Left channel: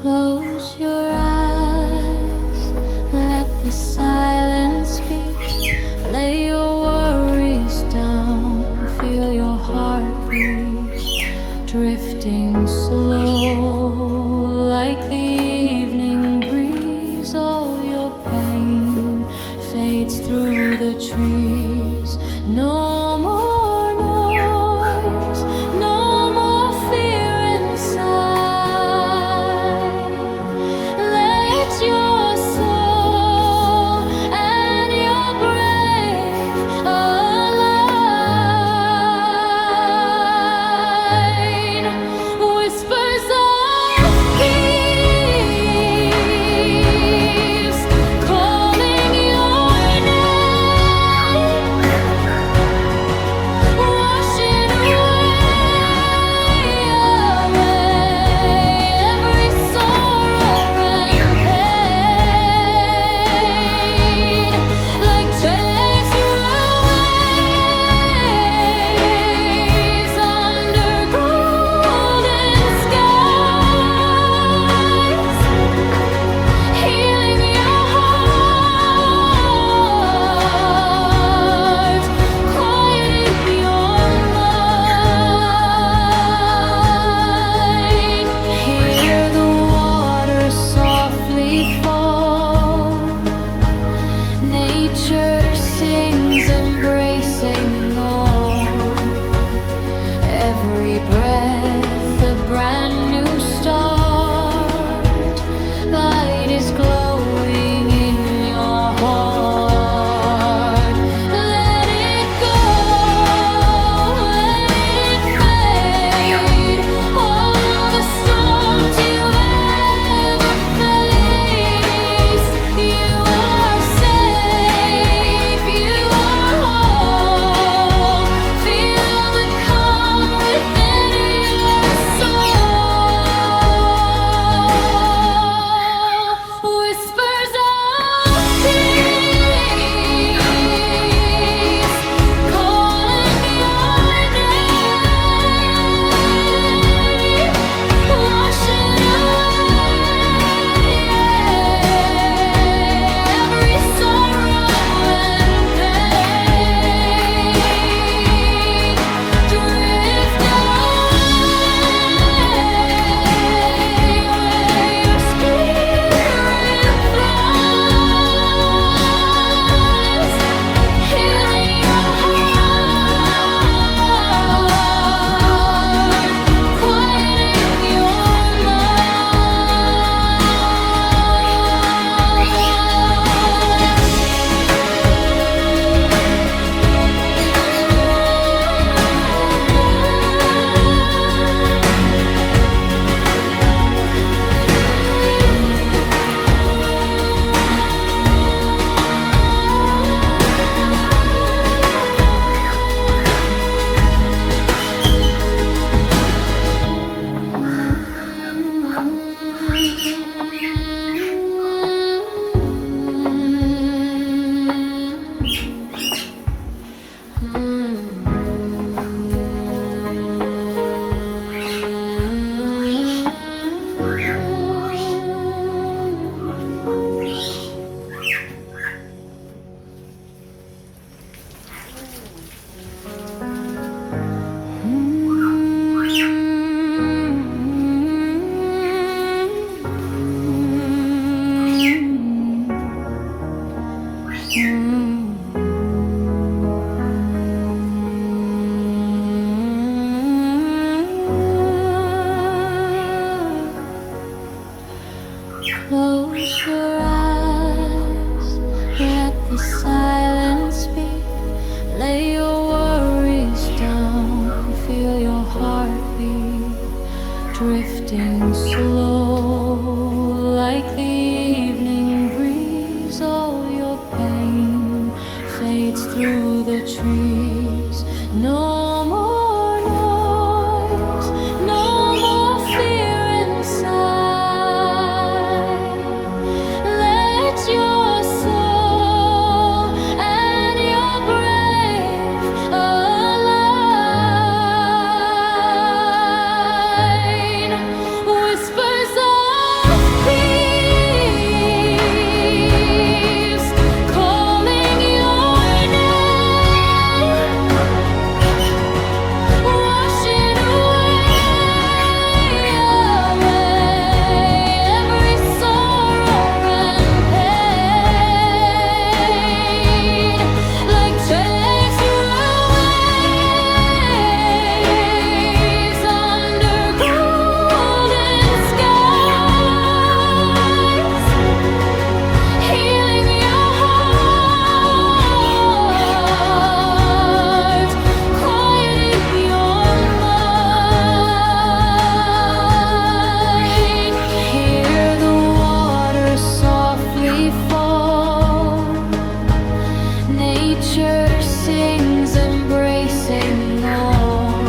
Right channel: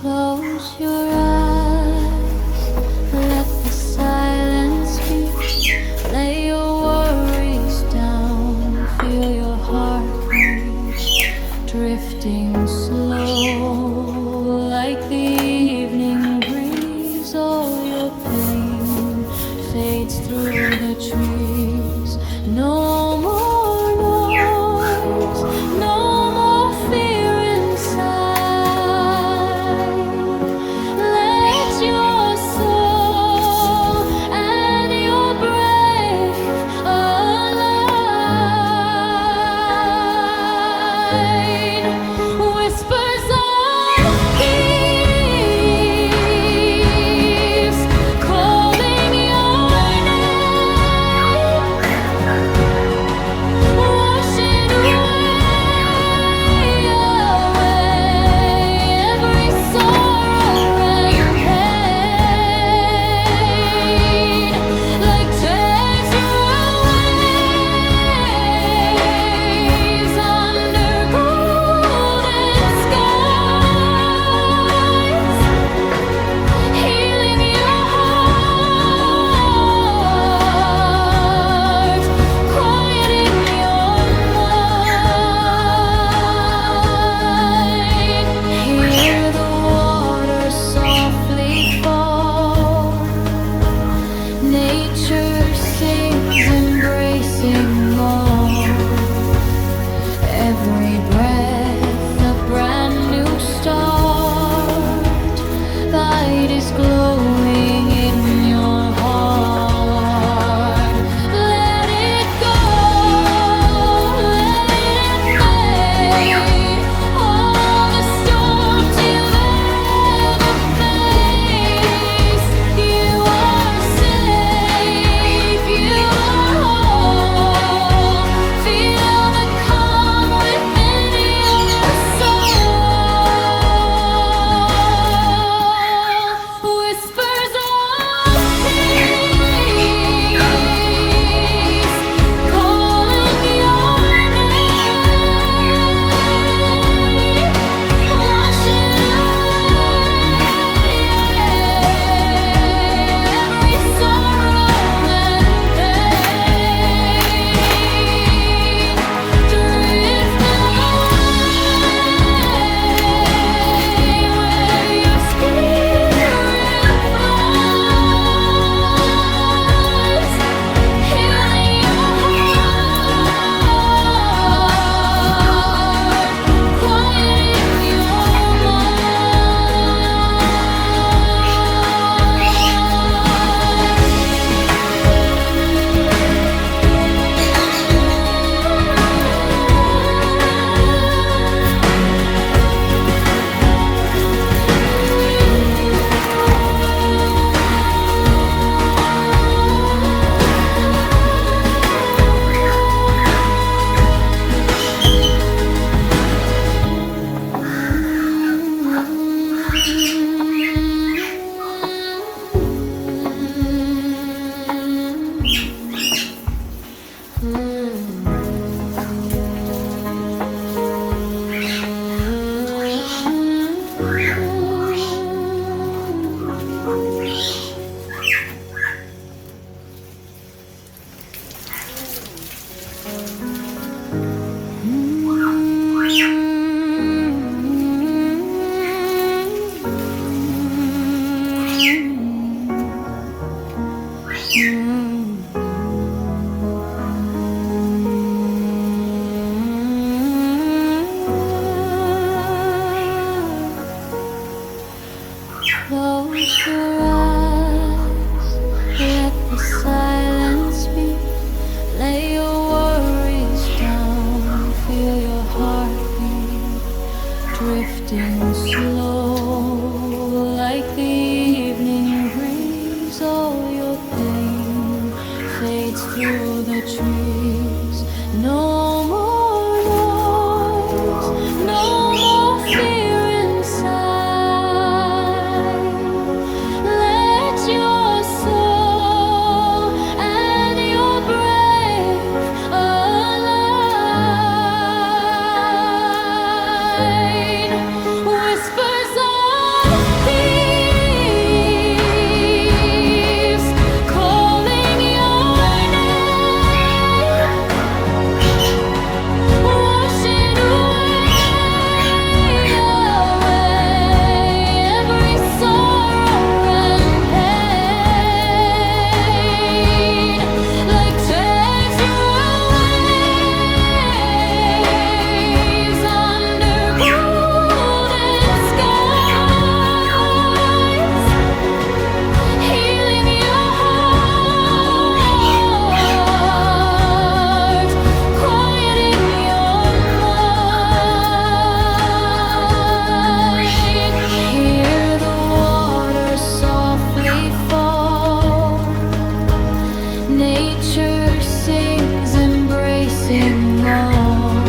Close your eyes, let the silence speak. Lay your worries down, feel your heartbeat drifting slow like the evening breeze. All your pain fades through the trees. No more noise, no more fear inside. Let your soul and your brave align. Whispers of peace calling your name, washing away every sorrow and pain. Like dancing waves under golden skies, healing your heart, quieting your mind. Hear the water softly fall. Nature sings, embracing all. Every breath a brand new start. Light is glowing in your heart. Let it go, let it fade. All the storms you've ever faced, you are safe, you are whole. Feel the calm within your soul. Whispers of peace calling your name, washing away every sorrow and pain. Drift away where your spirit flies, healing your heart, quieting your Close your eyes, let the silence speak. Lay your worries down, feel your heartbeat drifting slow like the evening breeze. All your pain fades through the trees. No more noise, no more fear inside. Let your soul and your brave align. Whispers of peace calling your name, washing away every sorrow and pain. Like treacherous waves under golden skies, healing your heart, quieting your mind. Hear the water softly fall. Nature sings, embracing all.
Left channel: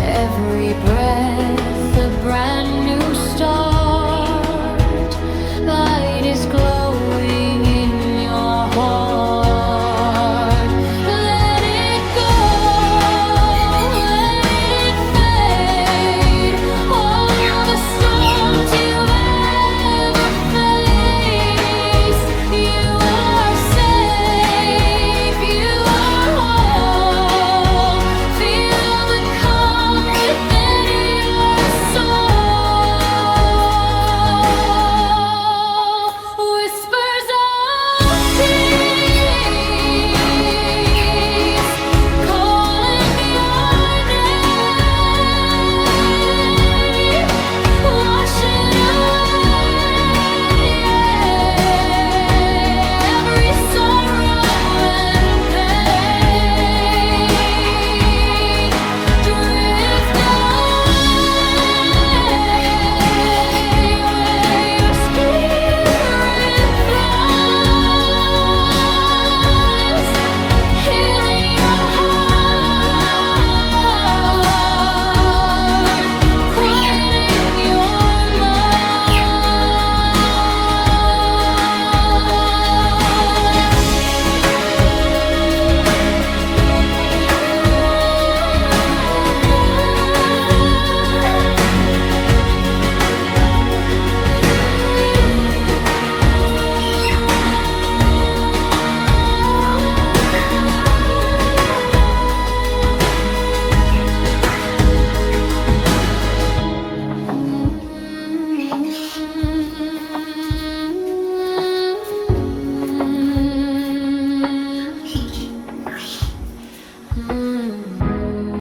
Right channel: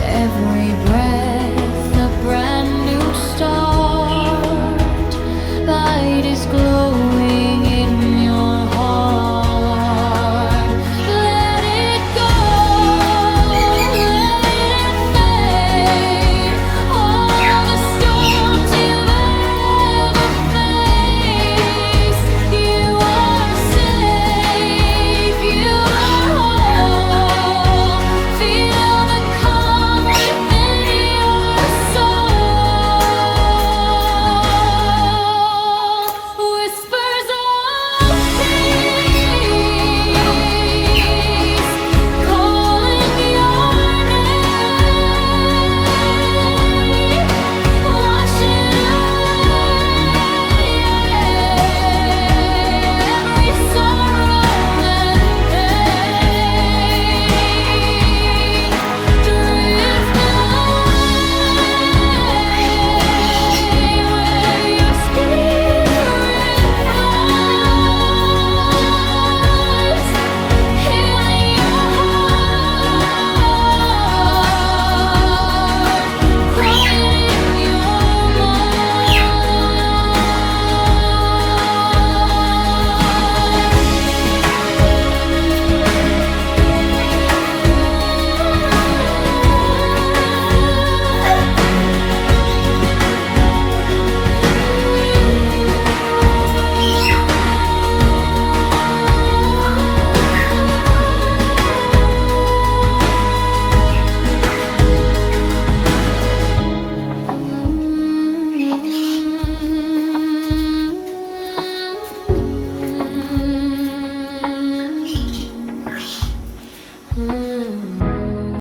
Every breath a brand new start. Light is glowing in your heart.